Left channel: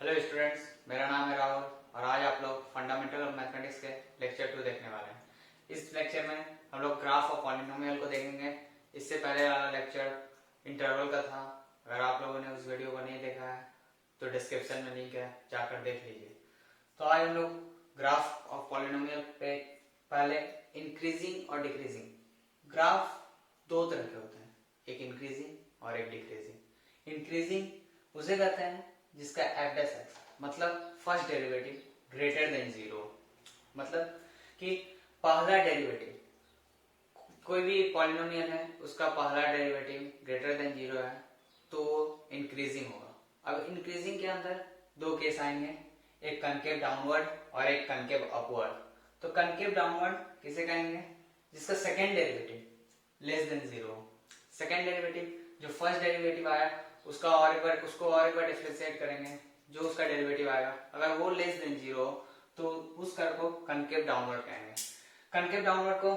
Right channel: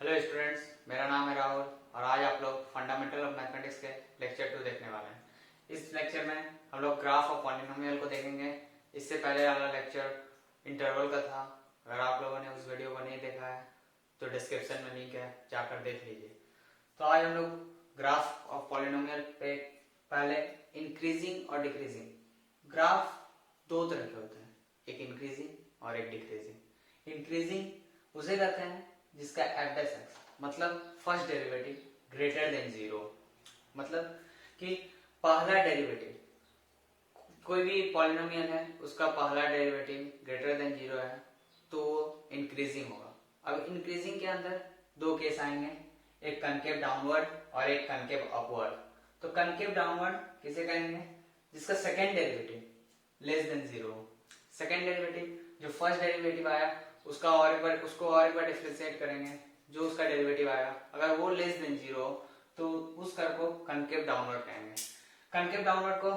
Hello students, मेरा नाम है राहुल और आज आप लोग फंडामेंटल ऑफ मैथमेटिक्स के लेक्चर 2 देखने वाले हैं। इस लेक्चर में हम लोग ग्राफ ऑफ पॉलिनोमियल को देखेंगे। इससे पहले वाला लेक्चर इंटरवल का था। अगर आप लोगों ने उस वीडियो को नहीं देखा है तो डिस्क्रिप्शन में लिंक है, जाकर देख लीजिए। तो आज हम लोग ग्राफ ऑफ पॉलिनोमियल पे पहले इंक्रीजिंग और डिक्रीजिंग ग्राफ दो तरह के होते हैं, एक इंक्रीजिंग और एक डिक्रीजिंग। इंक्रीजिंग उसे कहते हैं जिसका एफ डैश एक्स मतलब first derivative greater than zero, मतलब कि पहला डेरिवेटिव कोई भी पॉलिनोमियल है उसका पहला डेरिवेटिव ग्रेटर देन जीरो है तो वो इंक्रीजिंग होगा। अब इंक्रीजिंग के अंदर दो केस आएंगे, एक कनकेव डाउनवर्ड और एक कनकेव अपवर्ड। तो कनकेव डाउनवर्ड किसे कहेंगे? जिसका second derivative less than zero. Second derivative जो फर्स्ट डेरिवेटिव आया उसको और एक बार डिफरेंशिएट करेंगे, जो उसका डेरिवेटिव आएगा अगर वो लेस देन जीरो तो उस कर्व को कनकेव डाउनवर्ड कहेंगे। कनकेव डाउनवर्ड को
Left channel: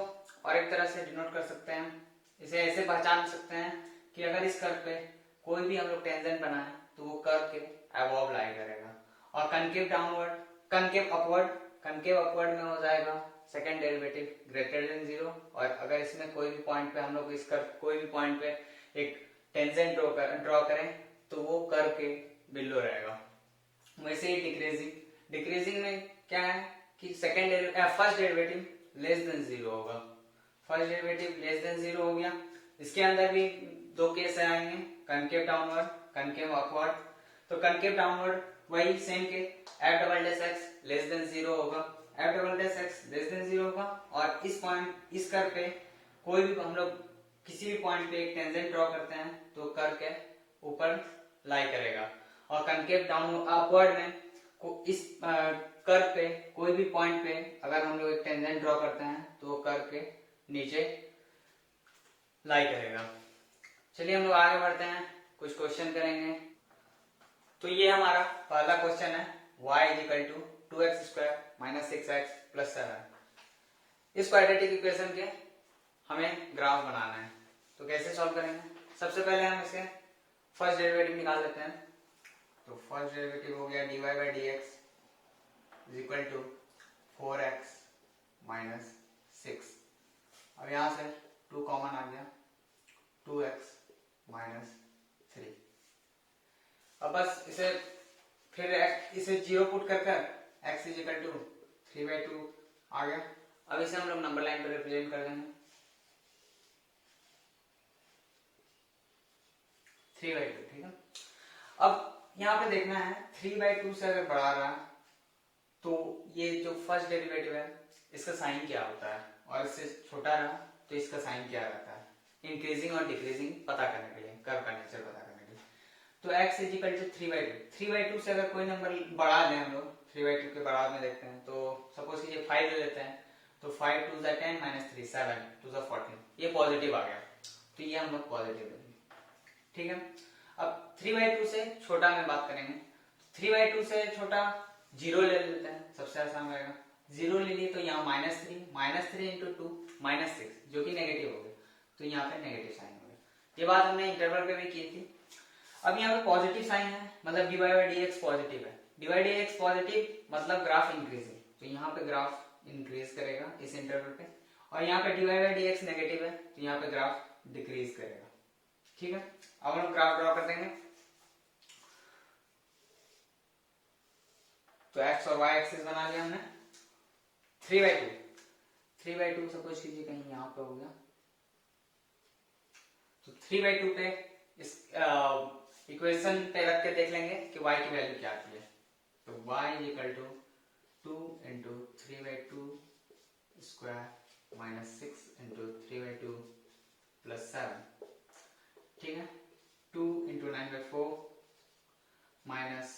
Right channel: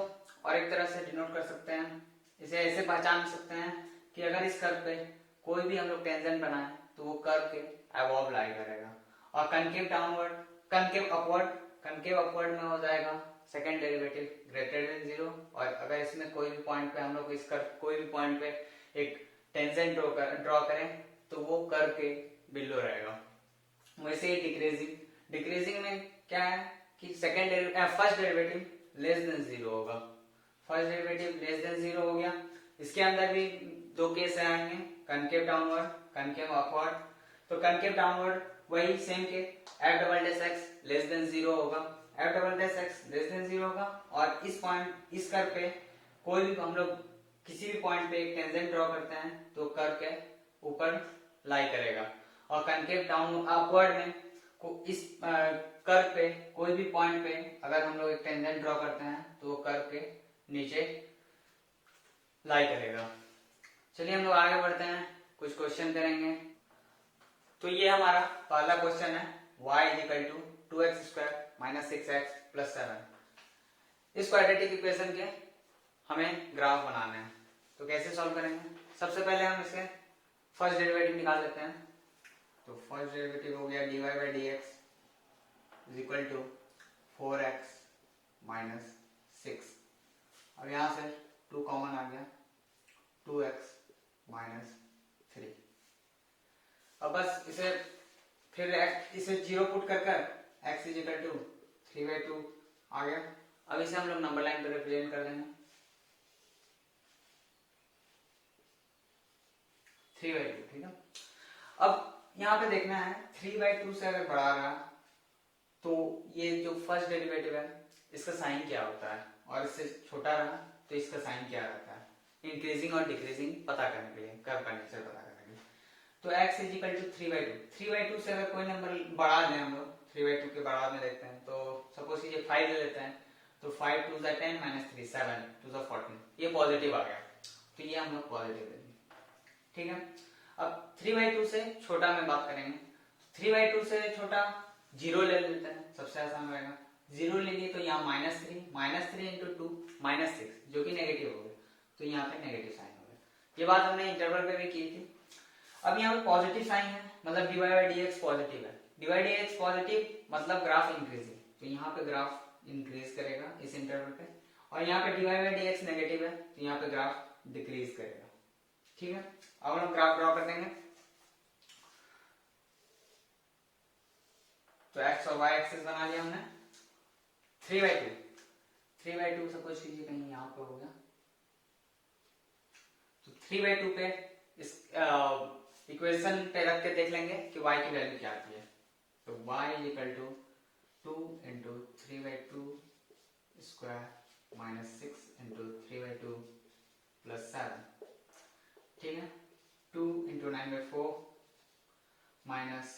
और एक तरह से डिनोट कर सकते हैं, इसे ऐसे पहचान सकते हैं कि अगर इस कर्व पे कोई भी हम लोग टेंजेंट बनाए तो वो कर्व के अबव लाई करेगा। और कनकेव डाउनवर्ड कनकेव अपवर्ड में हो जाएगा second derivative greater than zero. और अगर इसमें कोई भी पॉइंट पे हम लोग इस कर्व कोई भी पॉइंट पे एक टेंजेंट ड्रॉ करें तो वो कर्व के बिलो रहेगा। वैसे ही डिक्रीजिंग में क्या है कि first derivative less than zero होगा। First derivative less than zero हो गया। इसके अंदर भी दो केस आएंगे, कनकेव डाउनवर्ड कनकेव अपवर्ड। तो कनकेव डाउनवर्ड वही सेम के F double dash X less than zero होगा, F double dash X less than zero होगा। और इस कर्व पे कोई भी हम लोग किसी भी पॉइंट पे एक टेंजेंट ड्रॉ करते हैं तो कर्व के ऊपर लाई करेगा। और कनकेव डाउन अपवर्ड में इस कर्व पे कोई भी पॉइंट पे अगर हम लोग एक टेंजेंट ड्रॉ करते हैं तो वो कर्व के नीचे लाई करेगा। चलिए हम लोग आगे बढ़ते हैं, कुछ क्वेश्चन करेंगे। तो ये हमारा पहला क्वेश्चन है, y equal to 2x square minus 6x plus 7। इस क्वाड्रेटिक इक्वेशन के हमें ग्राफ बनाना है। तो कैसे सॉल्व करेंगे? सबसे पहले हम इसके फर्स्ट डेरिवेटिव निकाल लेते हैं। तो फर्स्ट डेरिवेटिव हो गया dy by D X is equal to 4x minus 6। अब यहां से 2 कॉमन आ गया, 2x माइनस 3। अब बस इसे जीरो पुट कर x इज इक्वल टू 3/2 आ गया। अब इसे हम लोग नंबर लाइन पर रिप्रेजेंट कर देंगे 3/2, ठीक है। अब यहाँ पे देखना है 3/2 से अगर बढ़ा रहा तो ये जो फर्स्ट डेरिवेटिव है इसका साइन क्या होता है, और इससे छोटा रहा तो इसका साइन क्या रहता है, इंक्रीजिंग और डिक्रीजिंग पता करने के लिए, कर्व का नेचर पता करने के लिए। तो x इज इक्वल टू 3/2 से अगर कोई नंबर बढ़ा दें हम लोग 3/2 के बराबर में देखते हैं। तो सपोज कीजिए 5 ले लेते हैं, तो 5 2 10 माइनस 3 7 2 14, ये पॉजिटिव आ गया तो ये हम लोग पॉजिटिव देंगे, ठीक है। अब 3/2 से छोटा में बात करेंगे। 3/2 से छोटा 0 ले लेते हैं, सबसे आसान रहेगा। 0 ले लिए तो यहाँ -3 इंटू 2 -6 जो कि नेगेटिव हो गया, तो यहाँ पे नेगेटिव साइन हो गया। ये बात हमने इंटरवल पे भी की थी। अब यहाँ पे पॉजिटिव साइन है मतलब dy by D x positive है। dy by D x positive मतलब ग्राफ इंक्रीजिंग, तो यहाँ पे ग्राफ इंक्रीज करेगा इस इंटरवल पे। और यहाँ पे dy by D x negative है तो यहाँ पे ग्राफ डिक्रीज करेगा, ठीक है। अब हम ग्राफ ड्रॉ कर देंगे। तो x और y एक्सिस बना लिया हमने। 3/2 सपोज कीजिए कहीं यहाँ पे हो गया, तो 3/2 पे इस इक्वेशन पे रख के देख लेंगे कि y की वैल्यू क्या आती है। तो y equal to 2 into 3/2 square minus 6 into 3/2 plus 7, ठीक है। 2 इंटू 9/4 माइनस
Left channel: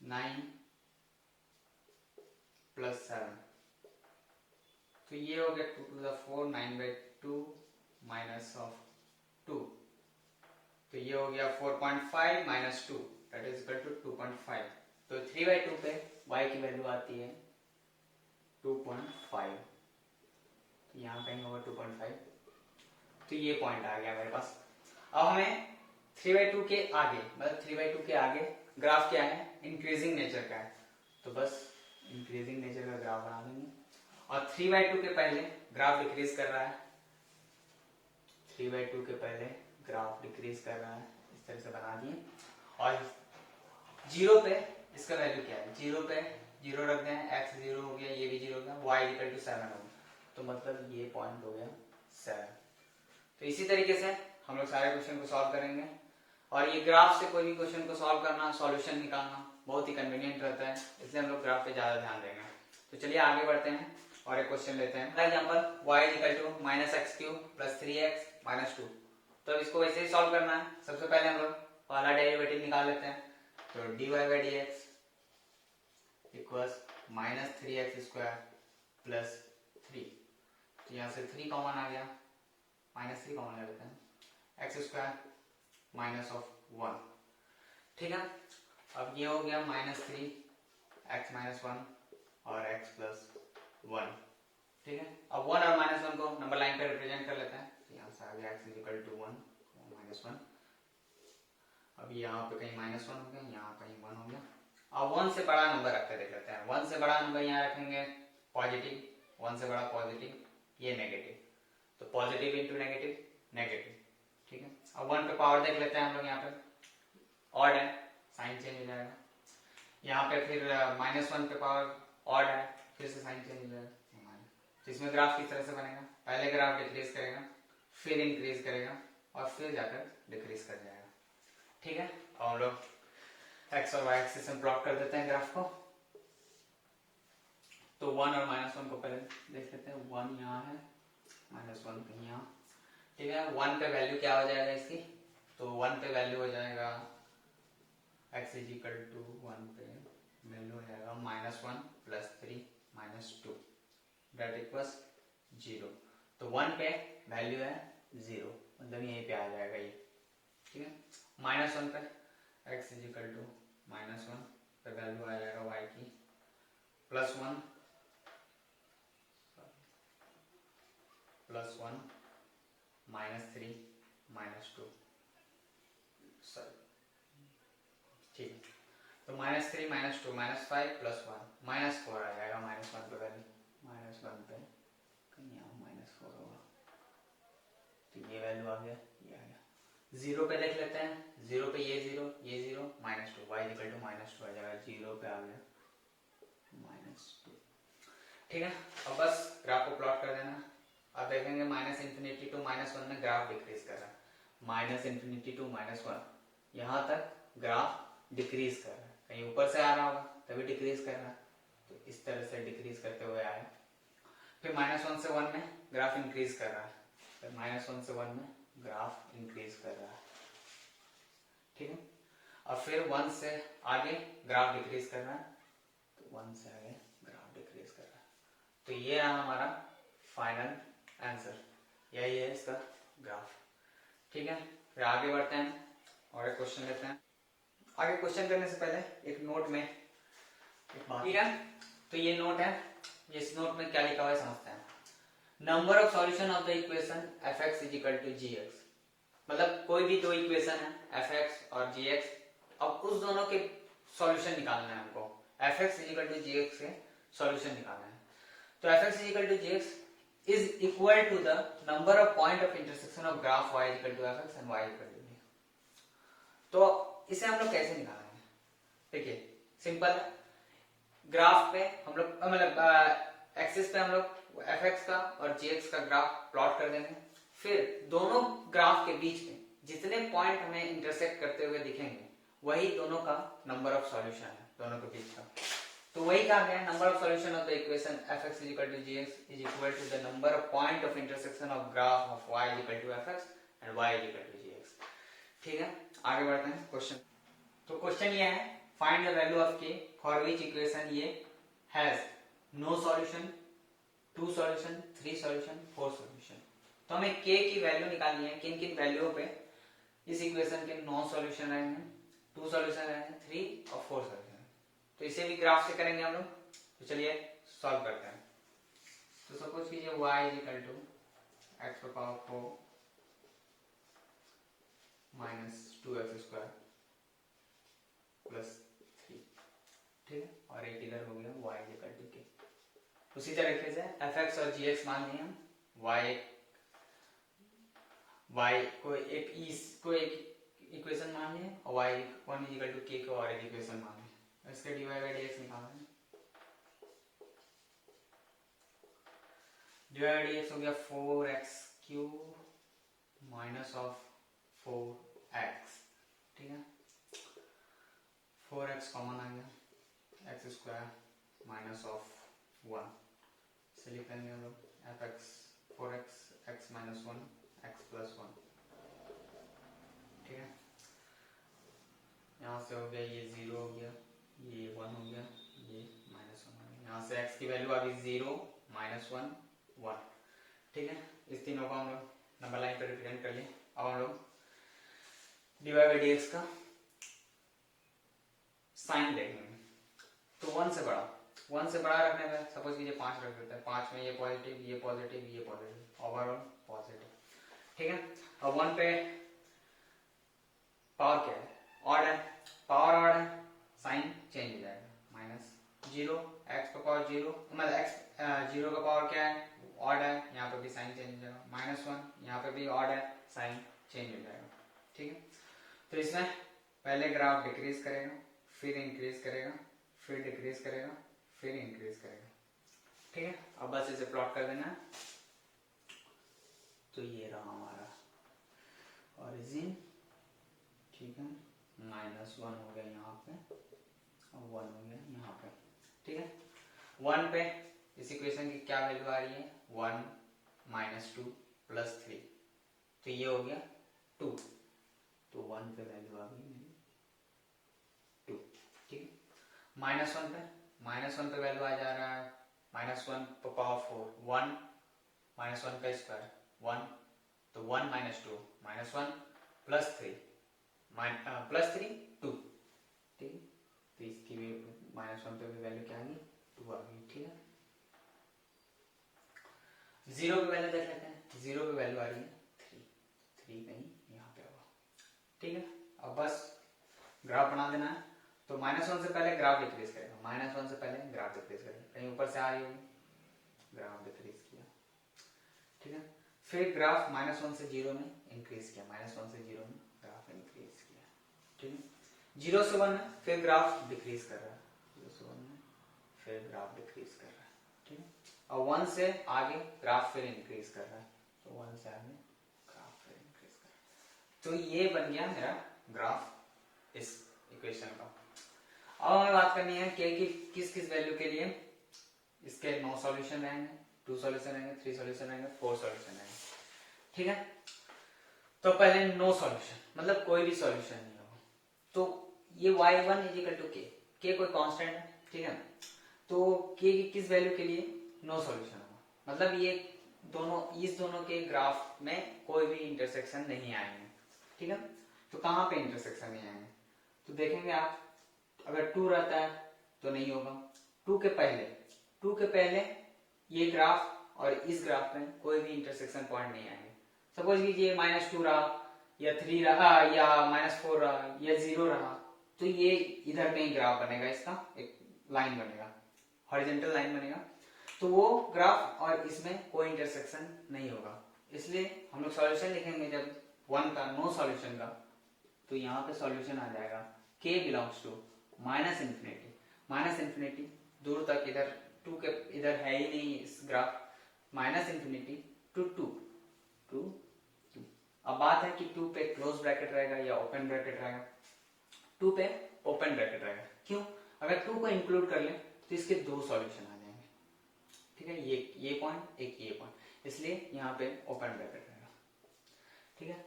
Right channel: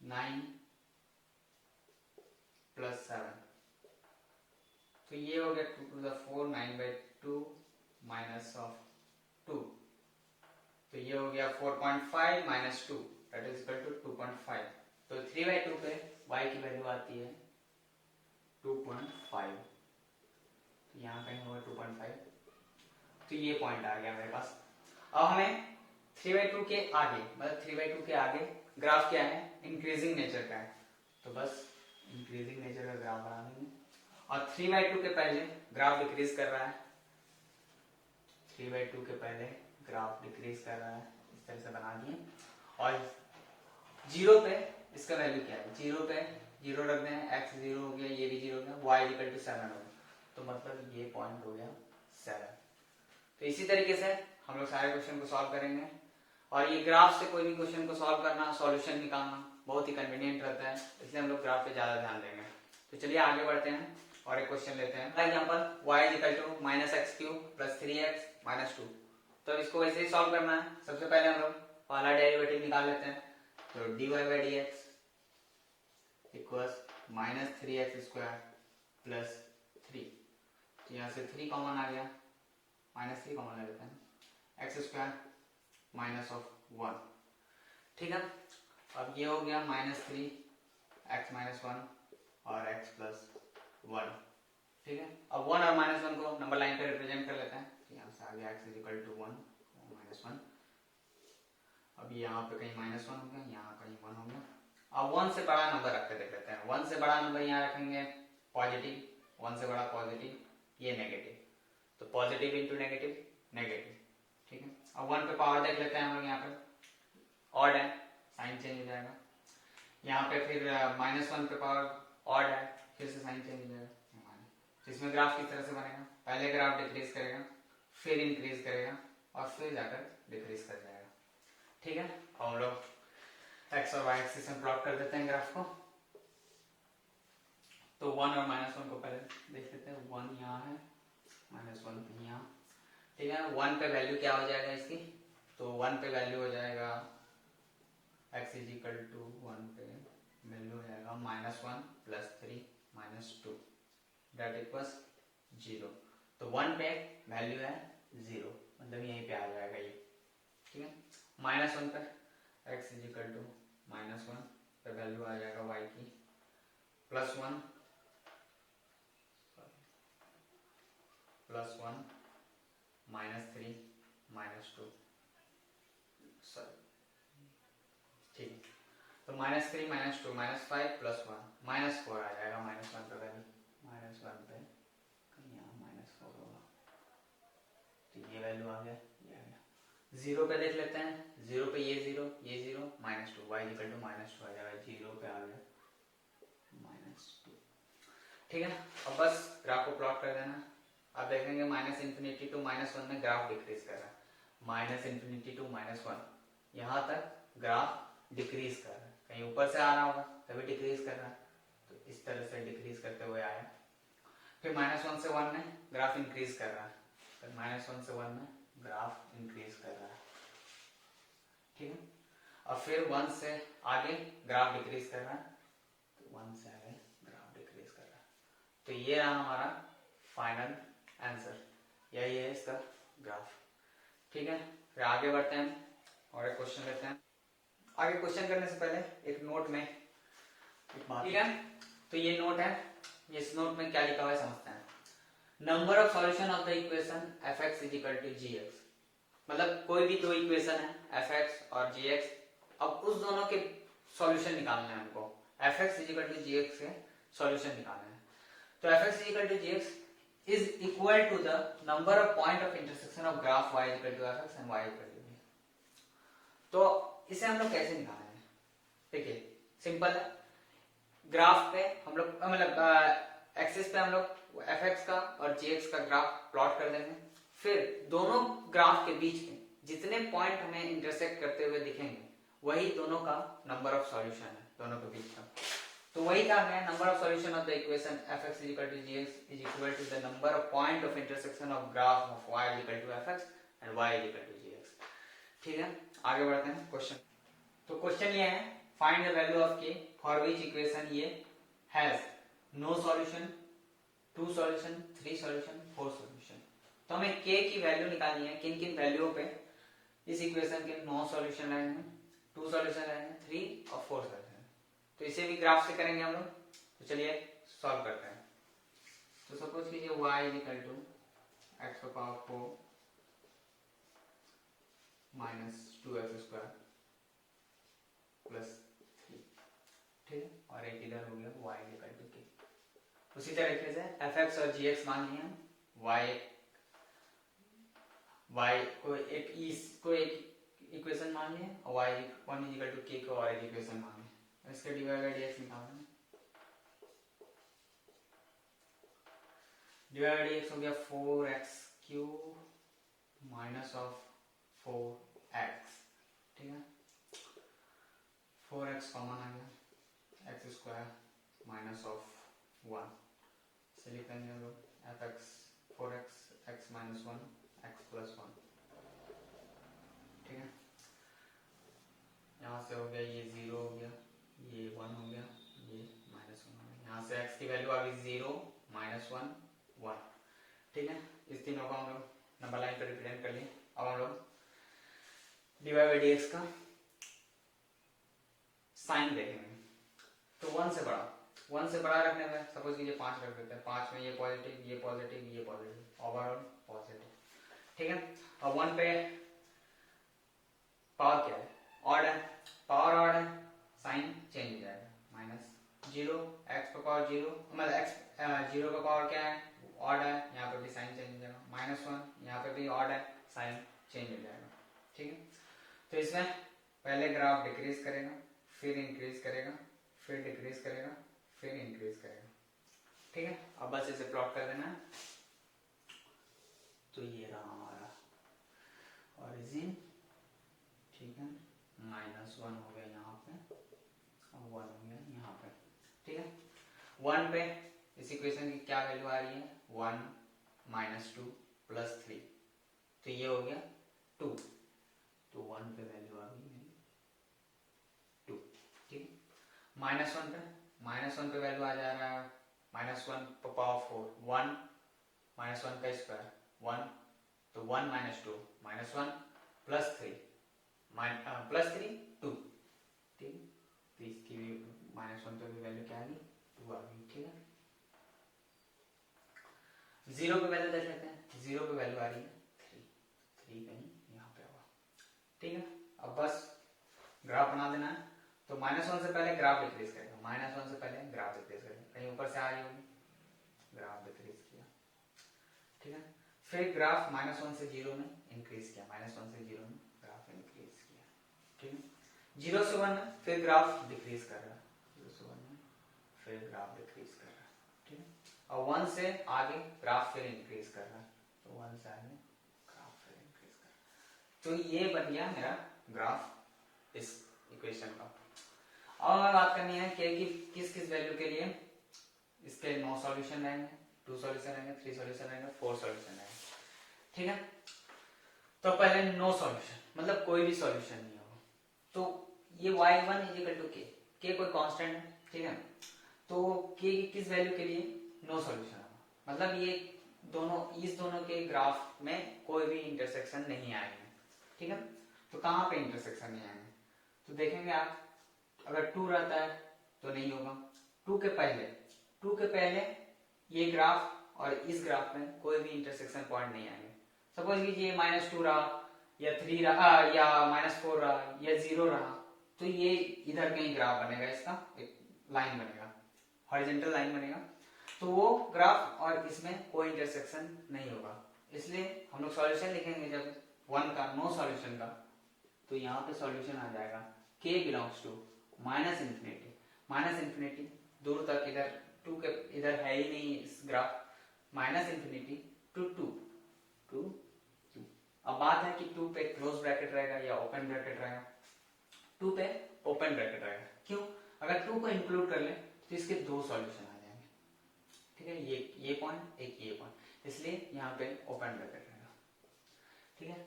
9 प्लस 7, तो ये हो गया 2 टू द 4 9/2 माइनस ऑफ 2, तो ये हो गया 4.5 minus 2 that is equal to 2.5। तो 3/2 पे y की वैल्यू आती है 2.5, तो यहाँ कहीं होगा 2.5, तो ये पॉइंट आ गया मेरे पास। अब हमें 3/2 के आगे मतलब 3/2 के आगे ग्राफ क्या है, इंक्रीजिंग नेचर का है, तो बस इंक्रीजिंग नेचर का ग्राफ बना देंगे। और 3/2 के पहले ग्राफ डिक्रीज कर रहा है, 3/2 के पहले ग्राफ डिक्रीज कर रहा है, इस तरह से बना दिए। और 0 पे इसका वैल्यू क्या है, 0 पे 0 रख दें, x 0 हो गया, ये भी 0 हो गया, y इक्वल टू 7 हो गया, तो मतलब ये पॉइंट हो गया 7। तो इसी तरीके से हम लोग सारे क्वेश्चन को सॉल्व करेंगे। और ये ग्राफ से कोई भी क्वेश्चन को सॉल्व करना, सॉल्यूशन निकालना बहुत ही कन्वीनियंट रहता है, इसलिए हम लोग ग्राफ पे ज्यादा ध्यान देंगे। तो चलिए आगे बढ़ते हैं और एक क्वेश्चन लेते हैं। For example y equal to -x³ + 3x - 2। तो इसको वैसे ही सॉल्व करना है। सबसे पहले हम लोग पहला डेरिवेटिव निकाल लेते हैं, तो dy/dx इक्वल्स -3x² + 3। तो यहाँ से 3 कॉमन आ गया, -3 कॉमन ले लेते हैं, x² -1। ठीक है, अब ये हो गया -3 x - 1 और x + 1। ठीक है, अब 1 और -1 को नंबर लाइन पे रिप्रेजेंट कर लेते हैं। तो यहाँ से आ गया x = 1 -1। अब यहाँ पे कहीं -1 हो गया, यहाँ कहीं 1 हो गया। अब 1 से बड़ा नंबर रख के देख लेते हैं। 1 से बड़ा नंबर यहाँ रखेंगे पॉजिटिव, 1 से बड़ा पॉजिटिव, ये नेगेटिव, तो पॉजिटिव इंटू नेगेटिव नेगेटिव। ठीक है, अब 1 पे पावर देख लेते हैं हम लोग, यहाँ पे ऑड है, साइन चेंज हो जाएगा। यहाँ पे फिर -1 पे पावर ऑड है, फिर से साइन चेंज हो जाएगा। तो इसमें ग्राफ किस तरह से बनेगा, पहले ग्राफ डिक्रीज करेगा, फिर इंक्रीज करेगा और फिर जाकर डिक्रीज कर जाएगा। ठीक है, और हम लोग x और y एक्सिस में प्लॉट कर देते हैं ग्राफ को। तो 1 और -1 को पहले देख लेते हैं। 1 यहाँ है, -1 कहीं यहाँ। ठीक है, 1 पे वैल्यू क्या हो जाएगा इसकी, तो 1 पे वैल्यू हो जाएगा x = 1 पे वैल्यू हो जाएगा -1 + 3 - 2 दैट इक्वल्स 0। तो 1 पे वैल्यू है 0, मतलब यहीं पे आ जाएगा ये। ठीक है, -1 पे x = -1 पे वैल्यू आ जाएगा y की +1 -3 -2 सॉरी। ठीक, तो -3 -2 -5 + 1 -4 आ जाएगा। -1 पे वैल्यू, -1 पे कहीं यहाँ -4 होगा, तो ये वैल्यू आ गया, ये आ गया। 0 पे देख लेते हैं, 0 पे ये 0 ये 0 -2, y = -2 आ जाएगा, 0 पे आ गया -2। ठीक है, अब बस ग्राफ को प्लॉट कर देना। अब देखेंगे -∞ to -1 में ग्राफ डिक्रीज कर रहा है, -∞ to -1 यहाँ तक ग्राफ डिक्रीज कर रहा है, कहीं ऊपर से आ रहा होगा तभी डिक्रीज कर रहा है, तो इस तरह से डिक्रीज करते हुए आया। फिर -1 से 1 में ग्राफ इंक्रीज कर रहा है, फिर -1 से 1 में ग्राफ इंक्रीज कर रहा है। ठीक है, और फिर 1 से आगे ग्राफ डिक्रीज कर रहा है, तो 1 से आगे ग्राफ डिक्रीज कर रहा है। तो ये रहा हमारा फाइनल आंसर, यही है इसका ग्राफ। ठीक है, फिर आगे बढ़ते हैं और एक क्वेश्चन लेते हैं। आगे क्वेश्चन करने से पहले एक नोट में एक बात, ठीक है, तो ये नोट है, इस नोट में क्या लिखा हुआ है समझते हैं। Number of solution of the equation f(x) = gx, मतलब कोई भी दो इक्वेशन है f(x) और gx, अब उस दोनों के सॉल्यूशन निकालना है हमको, f(x) = gx के सॉल्यूशन निकालना है। तो f(x) = gx is equal to the number of point of intersection of graph y = fx and y = g। तो इसे हम लोग कैसे निकालेंगे, देखिए सिंपल है। ग्राफ पे हम लोग मतलब एक्सिस पे हम लोग fx का और gx का ग्राफ प्लॉट कर देंगे, फिर दोनों ग्राफ के बीच में जितने पॉइंट हमें इंटरसेक्ट करते हुए दिखेंगे वही दोनों का नंबर ऑफ सॉल्यूशन है, दोनों के बीच का। तो वही कहा गया, number of solution of the equation f(x) = gx is equal to the number of point of intersection of graph of y = fx and y = gx। ठीक है, आगे बढ़ते हैं क्वेश्चन। तो क्वेश्चन ये है, find the value of k for which equation ये has no solution, 2 solution, 3 solution, 4 solution. तो हमें k की वैल्यू निकालनी है, किन किन वैल्यूओं पे इस इक्वेशन के 9 सॉल्यूशन रहेंगे, 2 सॉल्यूशन रहेंगे, 3 और 4 सॉल्यूशन। तो इसे भी ग्राफ से करेंगे हम लोग, तो चलिए सॉल्व करते हैं। तो सपोज कीजिए y = x⁴ - 2x² प्लस 3, ठीक है, और एक इधर हो गया y इक्वल टू k। उसी तरीके से fx और gx मान लिए हम, y को एक इक्वेशन मान लिए और y1 इक्वल टू k को और एक इक्वेशन मान लिए। इसका dy बाई dx निकालना है। dy बाई dx हो गया 4x cube minus of 4x, ठीक है, 4x कॉमन आ गया, x स्क्वायर माइनस ऑफ 1 से लिखेंगे fx 4x x minus 1 x plus 1, ठीक है। यहाँ से हो गया ये 0 हो गया, ये 1 हो गया, ये माइनस 1 हो गया। यहाँ से x की वैल्यू आ गई 0 माइनस 1 1, ठीक है। इस तीनों को हम लोग नंबर लाइन पर रिप्रेजेंट कर लिए। अब हम लोग dy बाई dx का साइन देखेंगे। तो 1 से बड़ा रखने में सपोज कीजिए 5 रख देते हैं, 5 में ये पॉजिटिव ये पॉजिटिव ये पॉजिटिव, ओवरऑल पॉजिटिव, ठीक है। अब 1 पे पावर क्या है, ऑड है, पावर ऑड है, साइन चेंज हो जाएगा, माइनस 0 x पे पावर 0, मतलब x 0 का पावर क्या है, ऑड है, यहाँ पे भी साइन चेंज हो जाएगा, माइनस 1 यहाँ पे भी ऑड है, साइन चेंज हो जाएगा, ठीक है। तो इसमें पहले ग्राफ डिक्रीज करेगा, फिर इंक्रीज करेगा, फिर डिक्रीज करेगा, फिर इंक्रीज करेगा, ठीक है। अब बस इसे प्लॉट कर देना है। तो ये रहा हमारा ओरिजिन, ठीक है, -1 हो गया यहाँ पे और 1 हो गया यहाँ पे, ठीक है। 1 पे इस इक्वेशन की क्या वैल्यू आ रही है, 1 माइनस 2 प्लस 3, तो ये हो गया 2, तो 1 पे वैल्यू आ गई मेरी 2, ठीक है। -1 पे वैल्यू आ जा रहा है -1 पे पावर 4, 1 -1 का स्क्वायर 1, तो 1 माइनस 2 -1 प्लस 3 2, ठीक है। तो इसकी भी -1 पे भी वैल्यू क्या आ गई, 2 आ गई, ठीक है। 0 पे वैल्यू देख लेते हैं, 0 पे वैल्यू आ रही है 3 कहीं यहाँ पे होगा, ठीक है। अब बस ग्राफ बना देना है। तो -1 से पहले ग्राफ डिक्रीज करेगा, -1 से पहले ग्राफ डिक्रीज करेगा, कहीं ऊपर से आ रही होगी, ग्राफ डिक्रीज किया, ठीक है। फिर ग्राफ -1 से 0 में इंक्रीज किया, -1 से 0 में ग्राफ इंक्रीज किया, ठीक है। 0 से 1 में फिर ग्राफ डिक्रीज कर रहा है, 0 से 1 में फिर ग्राफ डिक्रीज कर रहा है, ठीक है। और 1 से आगे ग्राफ फिर इंक्रीज कर रहा है, तो 1 से आगे ग्राफ फिर इंक्रीज कर रहा है। तो ये बन गया मेरा ग्राफ इस इक्वेशन का। अब हमें बात करनी है कि किस किस वैल्यू के लिए इसके 9 सॉल्यूशन रहेंगे, 2 सॉल्यूशन रहेंगे, 3 सॉल्यूशन रहेंगे, 4 सॉल्यूशन रहेंगे, ठीक है। तो पहले नो सॉल्यूशन, मतलब कोई भी सॉल्यूशन नहीं होगा। तो ये y1 is equal to k कोई कांस्टेंट है, ठीक है। तो k की किस वैल्यू के लिए नो सॉल्यूशन होगा, मतलब ये इस दोनों के ग्राफ में कोई भी इंटरसेक्शन नहीं आएंगे, ठीक है। तो कहां पे इंटरसेक्शन नहीं आएंगे, तो देखेंगे आप, अगर 2 रहता है तो नहीं होगा, 2 के पहले ये ग्राफ और इस ग्राफ में कोई भी इंटरसेक्शन पॉइंट नहीं आएंगे। सपोज कीजिए -2 रहा या 3 रहा या -4 रहा या 0 रहा, तो ये इधर कहीं ग्राफ बनेगा, इसका एक लाइन बनेगा, हॉरिजॉन्टल लाइन बनेगा, तो वो ग्राफ और इसमें कोई इंटरसेक्शन नहीं होगा। इसलिए हम लोग सॉल्यूशन लिखेंगे जब 1 का, नो सॉल्यूशन का, तो यहाँ पे सॉल्यूशन आ जाएगा k बिलोंग्स टू -इन्फिनिटी दूर तक, इधर 2 के इधर है ही नहीं इस ग्राफ, -इन्फिनिटी टू 2। अब बात है कि 2 पे क्लोज ब्रैकेट रहेगा या ओपन ब्रैकेट रहेगा, 2 पे ओपन ब्रैकेट रहेगा। क्यों, अगर 2 को इंक्लूड कर ले तो इसके 2 सॉल्यूशन आ जाएंगे, ठीक है, ये पॉइंट एक ये पॉइंट, इसलिए यहाँ पे ओपन ब्रैकेट रहेगा, ठीक है।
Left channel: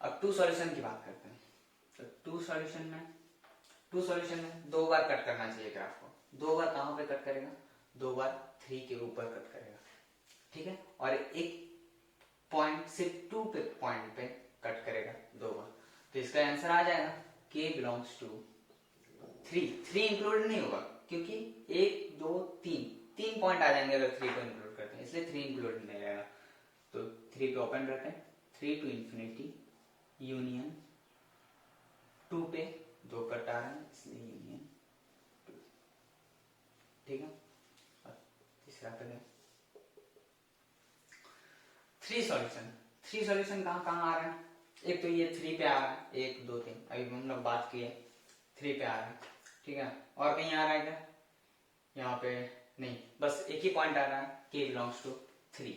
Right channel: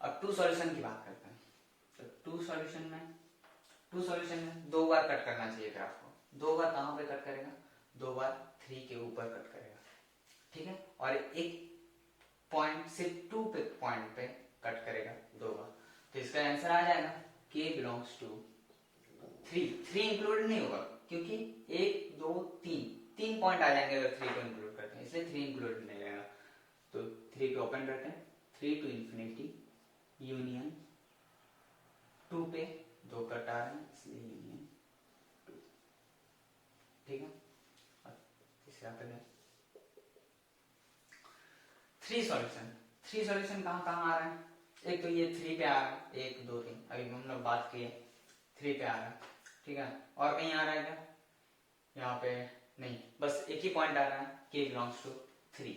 अब 2 सॉल्यूशन की बात करते हैं। तो 2 सॉल्यूशन में 2 बार कट करना चाहिए ग्राफ को, 2 बार कहां पे कट करेगा, 2 बार 3 के ऊपर कट करेगा, ठीक है। और एक पॉइंट से 2 पे पॉइंट पे कट करेगा 2 बार, तो इसका आंसर आ जाएगा k बिलोंग्स टू 3 इंक्लूड नहीं होगा क्योंकि 1 2 3 पॉइंट आ जाएंगे अगर 3 को इंक्लूड करते हैं, इसलिए 3 इंक्लूड नहीं रहेगा। तो 3 पे ओपन रखें, 3 टू इंफिनिटी यूनियन 2 पे 2 कट आ रहे हैं इसलिए यूनियन 2। ठीक है, और तीसरा पे गए 3 सॉल्यूशन। 3 सॉल्यूशन कहाँ कहाँ आ रहे हैं? एक तो ये 3 पे आ रहा है, 1 2 3, अभी हम लोग बात किए 3 पे आ रहा है। ठीक है, और कहीं आ रहा है क्या? यहाँ पे नहीं, बस एक ही पॉइंट आ रहा है k बिलोंग्स टू 3।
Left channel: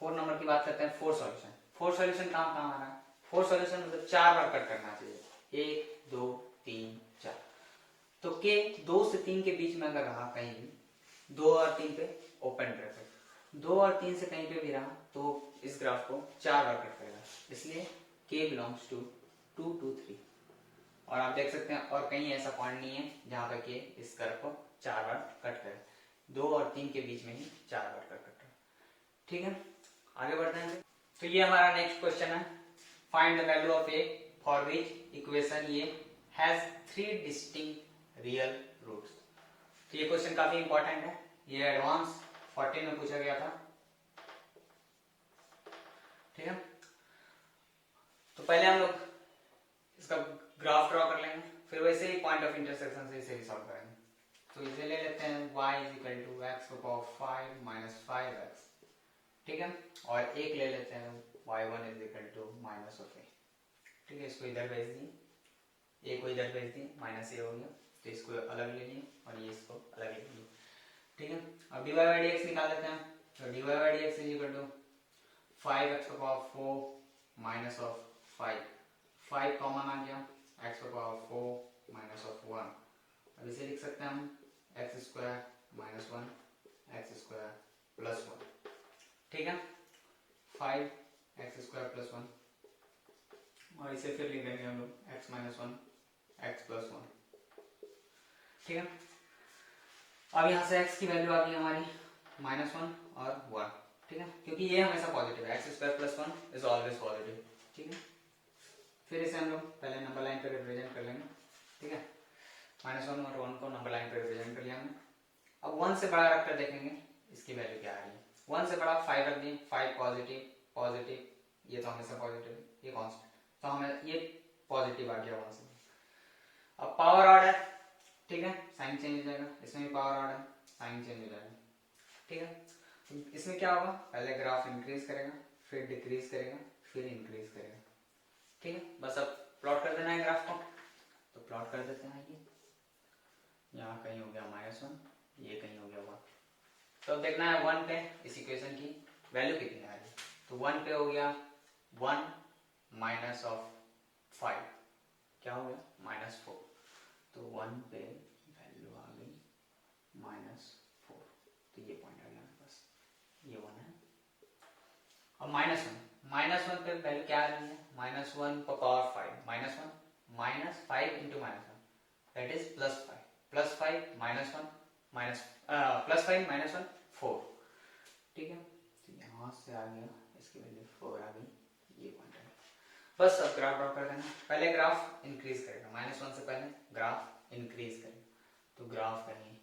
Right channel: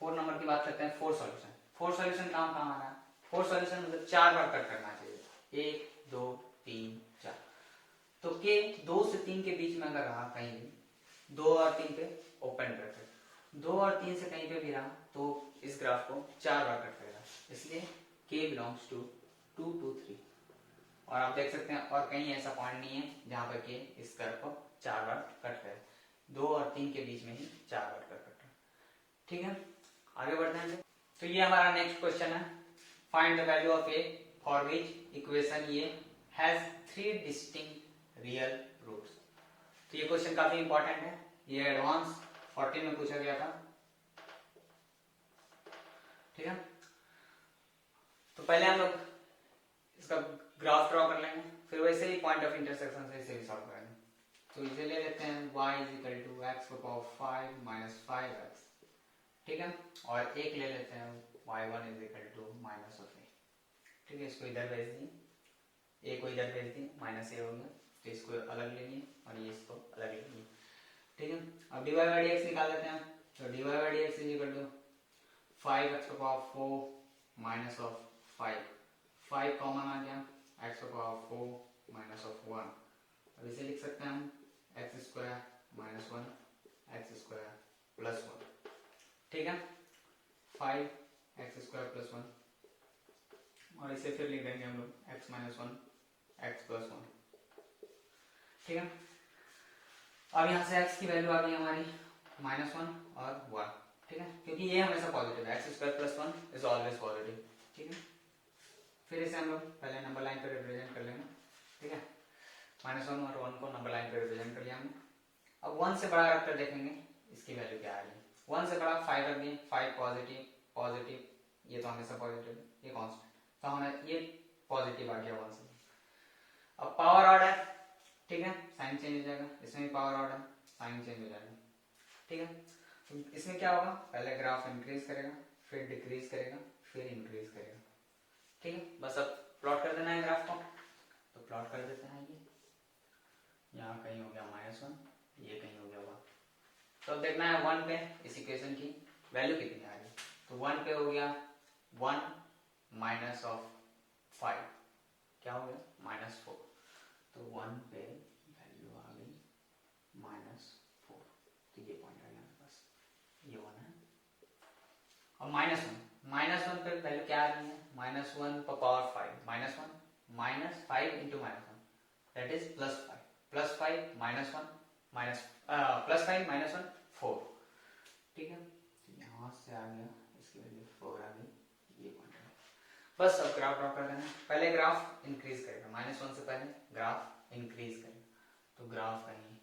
4 नंबर की बात करते हैं, 4 सॉल्यूशन। 4 सॉल्यूशन कहाँ कहाँ आ रहा है? 4 सॉल्यूशन मतलब 4 बार कट करना चाहिए, 1 2 3 4। तो k 2 से 3 के बीच में अगर रहा कहीं भी, 2 और 3 पे ओपन ब्रैकेट, 2 और 3 से कहीं पे भी रहा तो इस ग्राफ को 4 बार कट करेगा, इसलिए k बिलोंग्स टू 2 2 3। और आप देख सकते हैं और कहीं ऐसा पॉइंट नहीं है जहां पर के इस कर्व को 4 बार कट करे, 2 और 3 के बीच में ही 4 बार कट कर। ठीक है, आगे बढ़ते हैं। तो ये हमारा नेक्स्ट क्वेश्चन है, find the value of A for which equation ये हैज 3 डिस्टिंक्ट रियल रूट्स। तो ये क्वेश्चन काफी इंपॉर्टेंट है, ये एडवांस 14 में पूछा गया था। ठीक है, तो पहले हम लोग इसका ग्राफ ड्रॉ कर लेंगे, फिर वैसे ही पॉइंट ऑफ इंटरसेक्शन से इसे भी सॉल्व करेंगे। तो इसे ले लेते हैं y is equal to X की पावर 5 माइनस 5x। ठीक है, और एक ले लेते हैं y1 is equal to minus of A. ठीक है, इसको इधर भेज दिए, ए को इधर भेज दिए, माइनस ए हो गया, तो इसको अलग ले लिए और ये इसको अलग ले लिए। ठीक है, अब dy बाई dx निकाल लेते हैं। तो dy by dx is equal to 5x की पावर 4 माइनस ऑफ 5, 5 कॉमन आ गया, x की पावर 4 माइनस ऑफ 1। अब इसे लिख सकते हैं हम x square minus 1 x square plus 1। ठीक है, 5 एक्स स्क्वायर प्लस 1, और इसे फिर लिख देंगे हम लोग एक्स माइनस 1 एक्स प्लस 1। ठीक है, अब यहाँ से x की वैल्यू आ गई हमारी -1 और 1। ठीक है, क्योंकि ये हमेशा पॉजिटिव है, x square plus 1 is always positive. ठीक है, फिर इसे हम लोग पहले नंबर लाइन पे रिप्रेजेंट कर लेंगे। ठीक है, -1 और 1 को नंबर लाइन पे रिप्रेजेंट कर लिया हमने। अब 1 से बड़ा रखकर देखेंगे इसकी वैल्यू क्या आ रही है। 1 से बड़ा 5 रख दिए, 5 पॉजिटिव पॉजिटिव, ये तो हमेशा पॉजिटिव, ये कांस्टेंट, तो हमें ये पॉजिटिव आ गया 1 से। अब पावर ऑर्डर, ठीक है, साइन चेंज हो जाएगा, इसमें भी पावर ऑर्डर, साइन चेंज हो जाएगा। ठीक है, तो इसमें क्या होगा, पहले ग्राफ इंक्रीज करेगा, फिर डिक्रीज करेगा, फिर इंक्रीज करेगा। ठीक है, बस अब प्लॉट कर देना है ग्राफ को, तो प्लॉट कर देते हैं। ये यहाँ कहीं हो गया -1, ये कहीं हो गया 1। तो अब देखना है 1 पे इस इक्वेशन की वैल्यू कितनी आ रही है। तो 1 पे हो गया 1 माइनस ऑफ 5, क्या हो गया -4। तो 1 पे वैल्यू आ गई -4, तो ये पॉइंट आ गया मेरे पास, ये 1 है। और -1 पे वैल्यू क्या आ रही है, -1 पर power 5, -1 minus 5 into -1 that is +5, +5 -1 minus +5 -1 4। ठीक है, तो यहां से आ गया, इसकी वैल्यू 4 आ गई, ये पॉइंट है। बस अब ग्राफ ड्रॉ कर देना, पहले ग्राफ इंक्रीज करेगा, -1 से पहले ग्राफ इंक्रीज करेगा, तो ग्राफ कहीं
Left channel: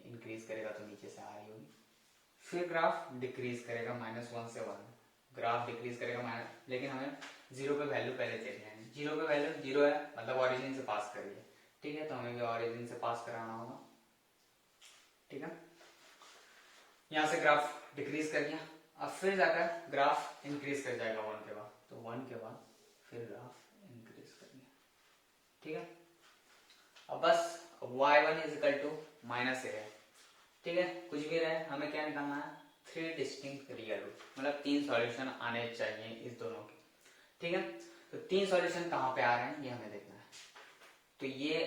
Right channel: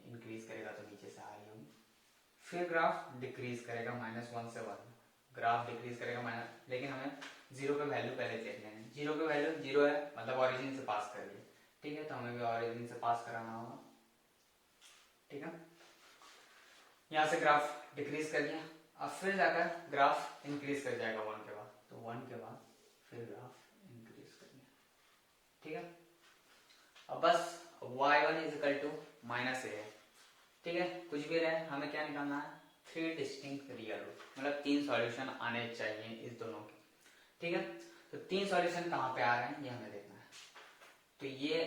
इंक्रीज करेगा तो नीचे से आ रही होगी, फिर ग्राफ डिक्रीज करेगा -1 से 1, ग्राफ डिक्रीज करेगा लेकिन हमें 0 पे वैल्यू पहले चेंज करनी है। 0 पे वैल्यू 0 है, मतलब ओरिजिन से पास कर रही है। ठीक है, तो हमें भी ओरिजिन से पास कराना होगा। ठीक है, यहां से ग्राफ डिक्रीज कर लिया, अब फिर जाकर ग्राफ इंक्रीज कर जाएगा 1 के बाद, तो 1 के बाद फिर ग्राफ इंक्रीज कर लिया। ठीक है, अब बस y1 is equal to -a है। ठीक है, कुछ भी रहे, हमें क्या निकालना है, 3 डिस्टिंक्ट रियल रूट, मतलब 3 सॉल्यूशन आने चाहिए इस दोनों के। ठीक है, तो 3 सॉल्यूशन कहाँ पे आ रहे हैं ये हमें देखना है। तो ये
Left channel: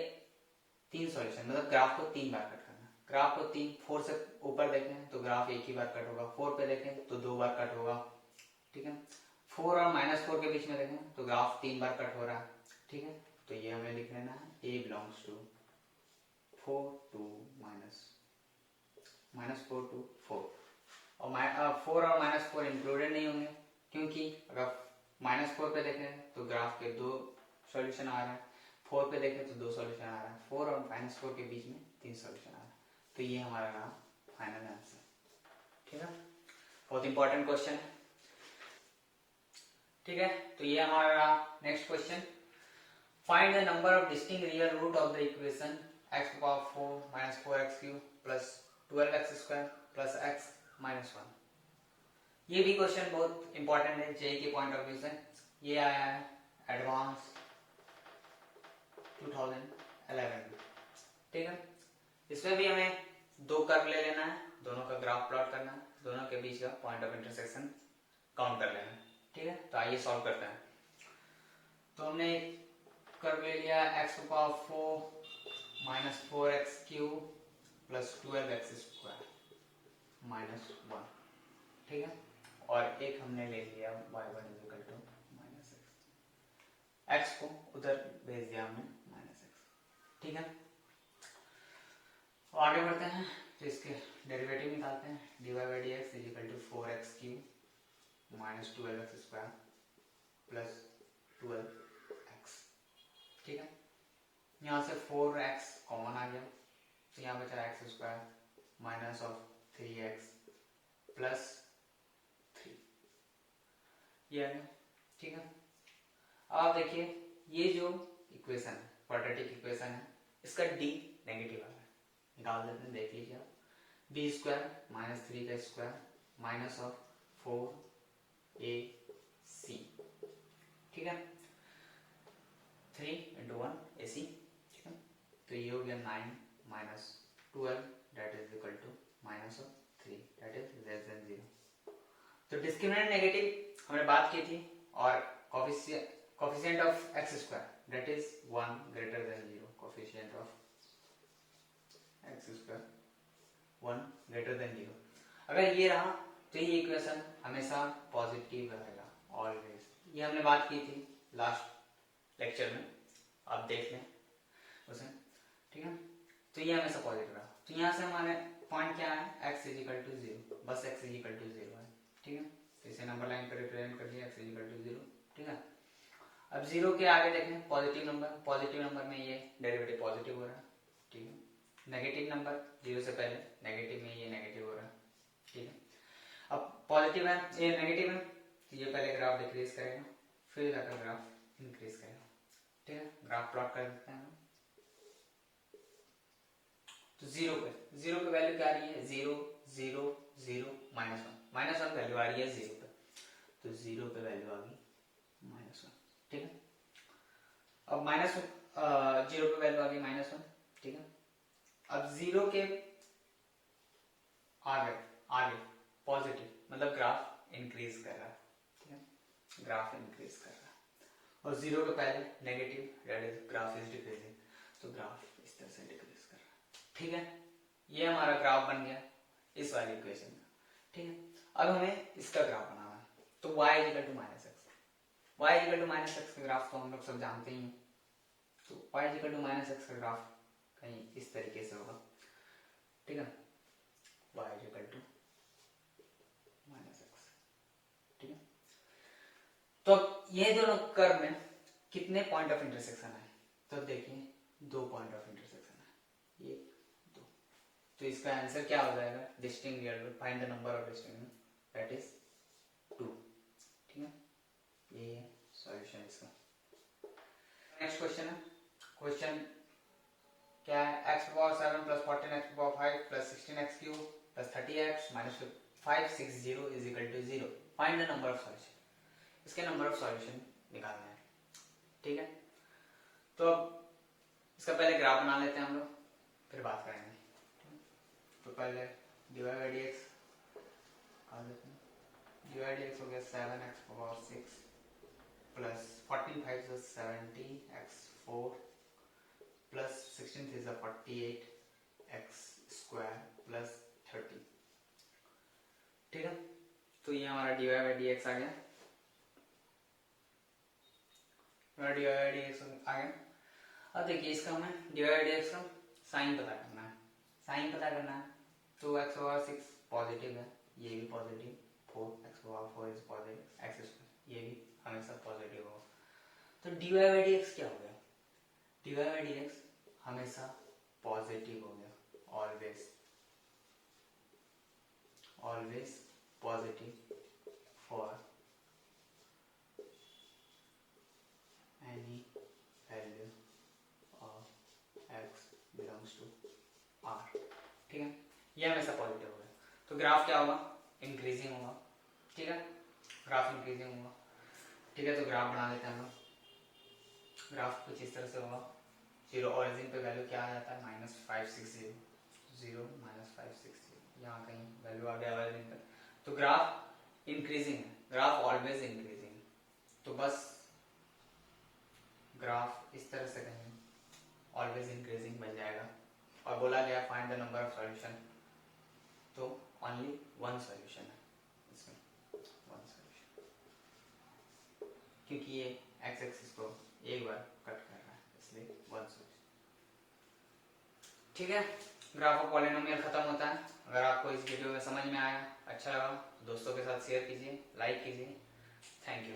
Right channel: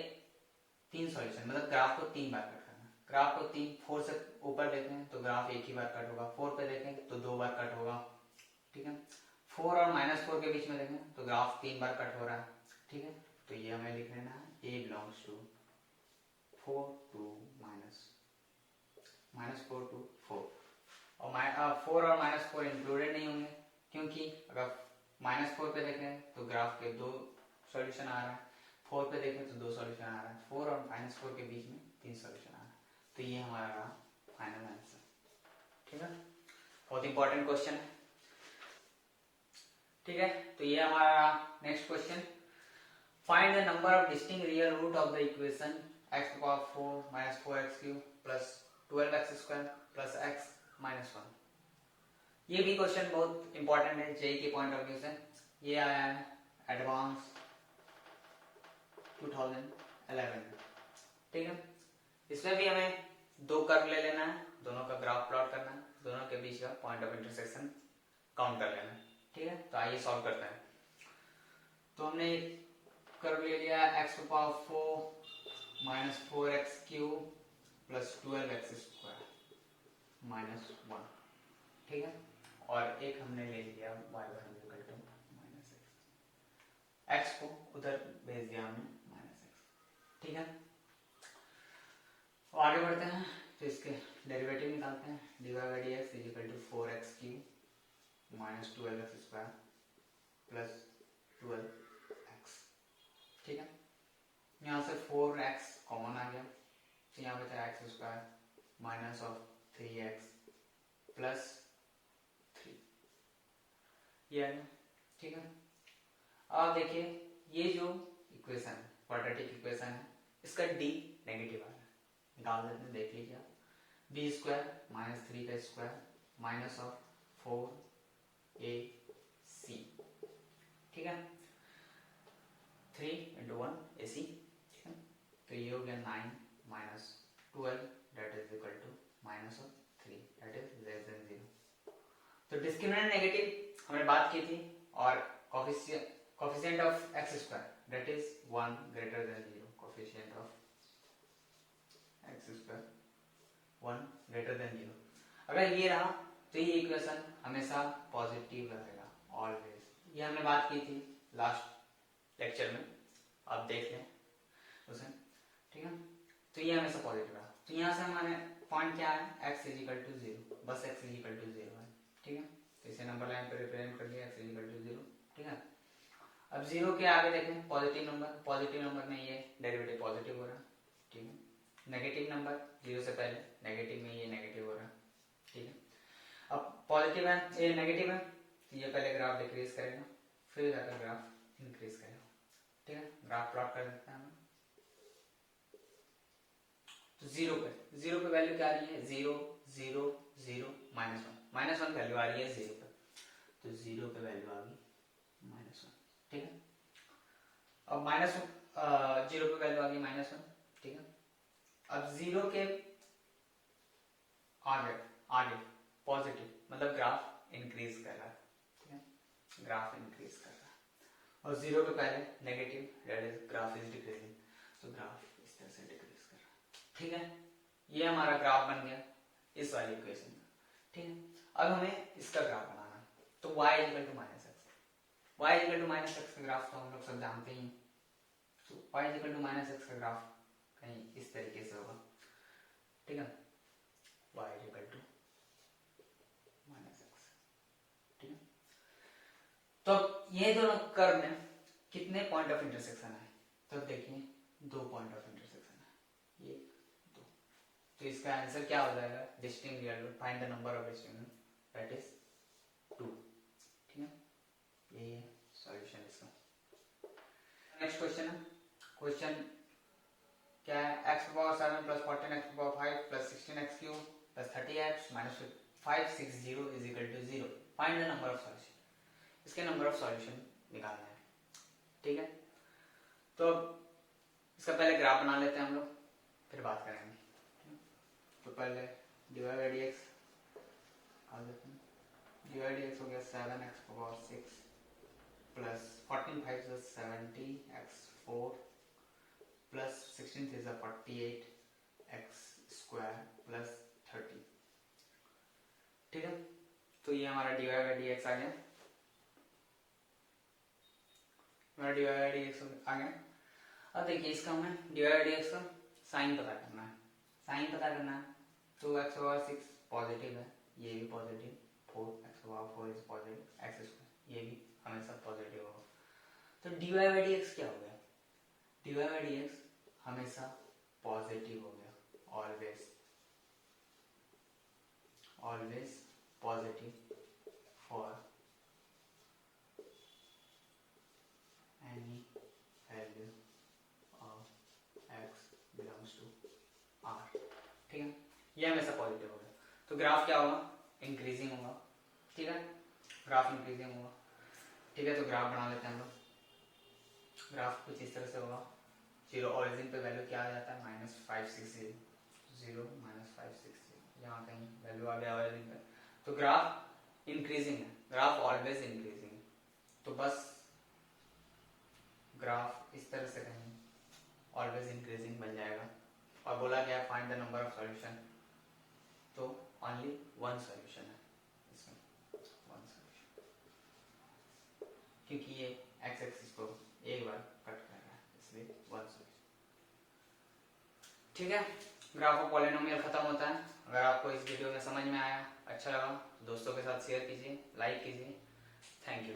3 सॉल्यूशन मतलब ग्राफ को 3 बार कट करना है। ग्राफ को 4 से ऊपर देखें तो ग्राफ एक ही बार कट होगा, 4 पे देखें तो 2 बार कट होगा। ठीक है, 4 और -4 के बीच में देखें तो ग्राफ 3 बार कट हो रहा है। ठीक है, तो ये हमें लिख लेना है a belongs to 4 to -4 to 4, और 4 और -4 इंक्लूडेड नहीं होंगे, क्योंकि अगर -4 पे देखें तो ग्राफ के 2 सॉल्यूशन आ रहा है, 4 पे देखें तो 2 सॉल्यूशन आ रहा है, 4 और -4 के बीच में 3 सॉल्यूशन आ रहा है, तो ये हमारा रहा फाइनल आंसर। ठीक है, बहुत इंपॉर्टेंट क्वेश्चन है। ठीक है, तो ये हमारा next question, find the number of distinct real root of the equation x to power 4 minus 4x cube plus 12x square plus x minus 1। ये भी क्वेश्चन बहुत इंपॉर्टेंट है जेई के पॉइंट ऑफ व्यू से। ये आया है एडवांस 2011, ठीक है। इसमें भी हमें दो कर्व ले लेना है, दोनों का ग्राफ प्लॉट करना है, दोनों के बीच का पॉइंट ऑफ इंटरसेक्शन काउंट कर लेना है, ठीक है। तो आइए सॉल्व करते हैं। तो हमने कर्व ले लिया x to power 4 minus 4x cube plus 12x square minus 1, ठीक है। और एक हमने ले लिया y1 is equal to minus x को उधर भेज दिया हमने minus x, ठीक है। तो आगे बढ़ते हैं, तो इसके डेरिवेटिव निकालते हैं। dy by dx is equal to 4x cube minus 12x square plus 12x, ठीक है। यहाँ से 4x कॉमन आ गया, तो यहाँ बचा x square minus of 3x plus 3, ये आ गया, ठीक है। अब देखिए ये जो इक्वेशन है, क्वाड्रेटिक इक्वेशन है, इसका d नेगेटिव आ रहा है, निकाल देते हैं, देख लीजिए आप। b स्क्वायर माइनस 3 का स्क्वायर माइनस ऑफ 4ac, ठीक है। 3 into 1 ac, ठीक है। तो ये हो गया 9 minus 12 that is equal to minus of 3 that is less than 0। तो डिस्क्रिमिनेंट नेगेटिव हमने बात की थी, और coefficient of X square that is 1 greater than 0, coefficient of X square 1 greater than 0। अगर ये रहा तो ये इक्वेशन हमेशा पॉजिटिव रहेगा ऑलवेज। ये हमने बात की थी लास्ट लेक्चर में, आप देख लें उसे, ठीक है। तो ये हमेशा पॉजिटिव रहा, तो यहाँ से हमारे पॉइंट क्या है, x इज इक्वल टू 0, बस x इज इक्वल टू 0 है, ठीक है। तो इसे नंबर लाइन पर रिप्रेजेंट कर दिया, x इज इक्वल टू 0, ठीक है। अब 0 के आगे देखें पॉजिटिव नंबर में ये डेरिवेटिव पॉजिटिव हो रहा है, ठीक है। नेगेटिव नंबर 0 से पहले नेगेटिव में ये नेगेटिव हो रहा है, ठीक है। अब पॉजिटिव है, ये नेगेटिव है, तो ये पहले ग्राफ डिक्रीज करेगा, फिर जाकर ग्राफ इंक्रीज करेगा, ठीक है। ग्राफ प्लॉट कर देते हैं हम। तो 0 पे वैल्यू क्या आ रही है, 0 0 0 माइनस 1 वैल्यू आ रही है 0 पे, तो 0 पे वैल्यू आ गई -1, ठीक है। अब माइनस 0 पे वैल्यू आ गई -1, ठीक है। अब 0 के आगे पॉजिटिव, मतलब ग्राफ इंक्रीज कर रहा है, ठीक है, ग्राफ इंक्रीज कर रहा है। और 0 के पहले negative that is graph is decreasing, तो ग्राफ इस तरह से डिक्रीज कर रहा है, ठीक है। ये हमारा ग्राफ बन गया इस वाली इक्वेशन का, ठीक है। अब हमें इसका ग्राफ बनाना है, तो y equal to minus X, y equal to minus X का ग्राफ तो हम लोग सब जानते ही हैं। तो y equal to minus X का ग्राफ कहीं इस तरीके से होगा, ठीक है। y equal to minus X, ठीक है। तो ये दोनों कर्व में कितने पॉइंट ऑफ इंटरसेक्शन है, तो देखिए 2 पॉइंट ऑफ इंटरसेक्शन है, 1 2, तो इसका आंसर क्या हो जाएगा, distinct real root, find the number of distinct that is 2, ठीक है। ये है सॉल्यूशन इसका। नेक्स्ट क्वेश्चन है, क्वेश्चन क्या है, x power 7 plus 14x power 5 plus 16x cube plus 30x minus 560 is equal to 0, find the number of solution. इसके number of solution निकालना है, ठीक है। तो इसका पहले ग्राफ बना लेते हैं हम लोग, फिर बात करेंगे। तो पहले dy by dx निकाल देते हैं। dy by dx हो गया 7x पावर 6 प्लस 14 5 से 70x4 प्लस 16 3 से 48x स्क्वायर प्लस 30, ठीक है। तो ये हमारा dy by dx आ गया, dy by dx आ गया। अब देखिए इसका हमें dy by dx का साइन पता करना है, तो x पावर 6 पॉजिटिव है, ये भी positive, 4x power 4 is positive, x square ये भी हमेशा पॉजिटिव होगा। तो dy by dx क्या हो गया, dy by dx हमेशा पॉजिटिव हो गया, ऑलवेज पॉजिटिव फॉर ये हमेशा पॉजिटिव होगा। तो ग्राफ क्या होगा, इंक्रीजिंग होगा, ठीक है, ग्राफ इंक्रीजिंग होगा, ठीक है। तो ग्राफ बना लेते हैं हम लोग। ग्राफ कुछ इस तरह से होगा, जीरो ओरिजिन पे वैल्यू क्या आ जाता है, -560, 0 -560, यहाँ कहीं वैल्यू आ गया ओरिजिन पे। तो ग्राफ इंक्रीजिंग है, ग्राफ ऑलवेज इंक्रीजिंग। तो बस ग्राफ इस तरह से कहीं ऑलवेज इंक्रीजिंग बन जाएगा। और बोला गया find the number of solution, तो ओनली वन सॉल्यूशन है इसमें, वन सॉल्यूशन, क्योंकि ये एक्स एक्सिस को एक बार कट कर रहा है, इसलिए वन सॉल्यूशन, ठीक है। ग्राफ ऑफ पॉलिनोमियल खत्म होता है। अगर आपको इस वीडियो में समझ में आया, अच्छा लगा, दोस्तों के साथ शेयर कीजिए, लाइक कीजिए। Thank you.